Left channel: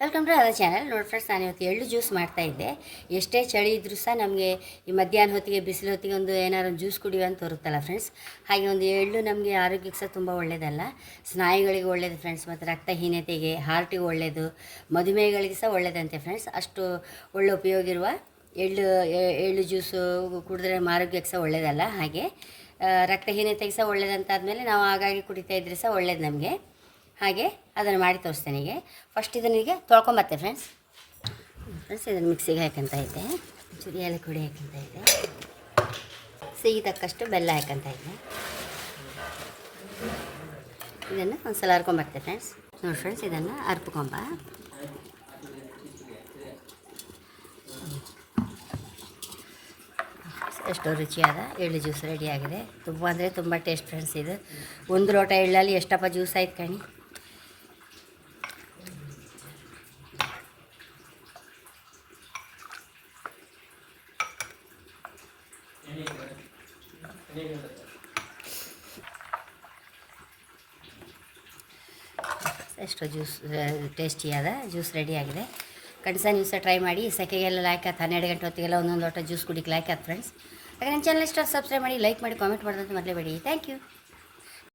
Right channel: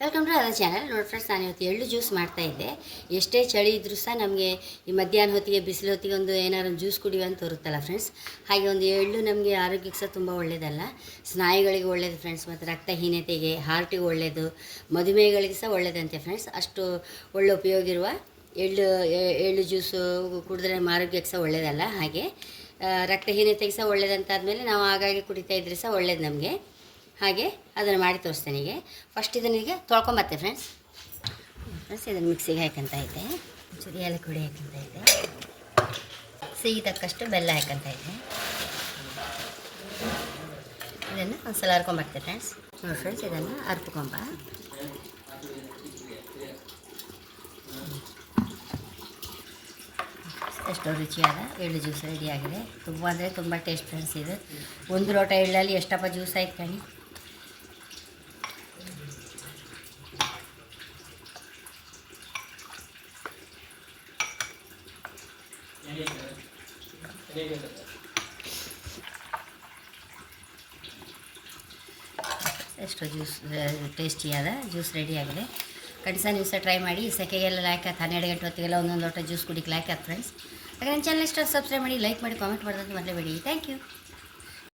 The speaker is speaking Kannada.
Welcome to other channel. ನೋಡಿ ಫ್ರೆಂಡ್ಸ್, ನಾನು ಇವತ್ತು ಎಳ್ಳು ಜ್ಯೂಸ್ ಮಾಡ್ತಾಯಿದ್ದೆ. ಎಷ್ಟೇ ಚಳಿ ಇದ್ದರೂ ಸಹ ನಮಗೆ ಈ ಮಧ್ಯಾಹ್ನ ಹೊತ್ತಿಗೆ ಬಿಸಿಲು ಹೊತ್ತಿಗೆ ಏನಾದ್ರು ಜ್ಯೂಸ್ ಕುಡಿಯುವ ಅಂತ ತೋರುತ್ತಲ್ಲ ಫ್ರೆಂಡ್ಸ್. ಹಾಗೆ ಒಂದು ಎಳ್ಳು ನಮಗೆ ಆರೋಗ್ಯಕ್ಕೆ ಸಹ ತುಂಬ ಒಳ್ಳೆಯದಲ್ಲ, ಸ್ನಾಯುಗಳಿಗೆ ಒಳ್ಳೆಯದು ಫ್ರೆಂಡ್ಸ್, ಮತ್ತು ರಕ್ತಹೀನತೆಗೆ, ಹಾರ್ಟಿಗೆ ಒಳ್ಳೆಯದು, ಮಧುಮೇಹಗಳಿಗೆ ಸಹ ಒಳ್ಳೆಯದಂತೆ ಫ್ರೆಂಡ್ಸ್. ಅಷ್ಟು ಒಳ್ಳೆ ಉಪಯೋಗ ಇರುವ ಎಳ್ಳು ಜ್ಯೂಸು ಕುಡಿದ್ರೆ ಆರೋಗ್ಯಕ್ಕೆ ಸಹ ಒಳ್ಳೆಯದಲ್ಲ. ಹಾಗೆ ರಕ್ತಹೀನತೆಗೆ ಸಹ ಒಳ್ಳೆಯದಂತಾದಮೇಲೆ ನಾವು ಆಗಾಗ್ಗೆ ಕುಡಿತಾ ಇದ್ರೆ ಸಹ ಒಳ್ಳೇದು ನಮಗೆ. ಹಾಗೆ ಅದನ್ನು ಮಾಡಿ ತೋರಿಸ್ತೇನೆ. ಈಗ ಫಸ್ಟ್ ಇದನ್ನು ಈಗ ತೊಳ್ಕೊಂಬತ್ತೆ ಫ್ರೆಂಡ್ಸ್. ಇದನ್ನು ಮಿಕ್ಸಿಗೆ ಹಾಕಂತ ಇದ್ದೆ, ಒಂಚೂರು ಏಲಕ್ಕಿ ಪುಡಿ ಹಾಕಂತ ಇದ್ದೆ, ಸಿಹಿ ತಕ್ಕಷ್ಟು ಬೆಲ್ಲ ಹಾಕಂತ ಇದ್ದೆ. ಇದನ್ನು ಒಂದು ಸಲ ಹರ್ಕೊಂಬರ್ತೆ ಫ್ರೆಂಡ್ಸ್. ನೋಡಿ ಫ್ರೆಂಡ್ಸ್, ಇದನ್ನು ಹರ್ಕೊಂಬ. ಎಷ್ಟು ರುಚಿಯಾದ ಎಳ್ಳು ಜ್ಯೂಸ್ ರೆಡಿಯಾಗಿದೆ. ತುಂಬ ಅಂದರೆ ತುಂಬ ಟೇಸ್ಟ್ ಫ್ರೆಂಡ್ಸ್. ಇದು ಒಂದು ಲೋಟ ಎಳ್ಳಲ್ಲಿ ಎಷ್ಟಪ್ಪ ಜ್ಯೂಸ್ ಆಯ್ತು ಕಣಿ. ಎಷ್ಟು ಜ್ಯೂಸ್ ಟೇಸ್ಟಿಯಾದ ಜ್ಯೂಸ್ ರೆಡಿಯಾಗಿದೆ. ಖಂಡಿತ ನೀವು ಸಹ ಟ್ರೈ ಮಾಡಿ. ಸೆಕೆಗೆಲ್ಲ ಲಾಯ್ಕ್ ಆಯ್ತು, 12 ಗಂಟೆ ಹೊತ್ತಿಗೆಲ್ಲ ಒಂದೊಂದು ಲೋಟ ಜ್ಯೂಸ್ ಕುಡಿಕ್ಕೆ ಲಾಯ್ಕ್ ಆಯ್ತು ಫ್ರೆಂಡ್ಸ್. ಹಾಗೆ ನನ್ನ ಚಾನಲ್ ಇಷ್ಟ ಸಬ್ಸ್ಕ್ರೈಬ್ ಮಾಡಿ, ಲೈಕ್ ಮಾಡಿ, ಕಾಮೆಂಟ್ ಮಾಡೋದಂತ ಮರೆಯಬೇಡಿ. Thank you.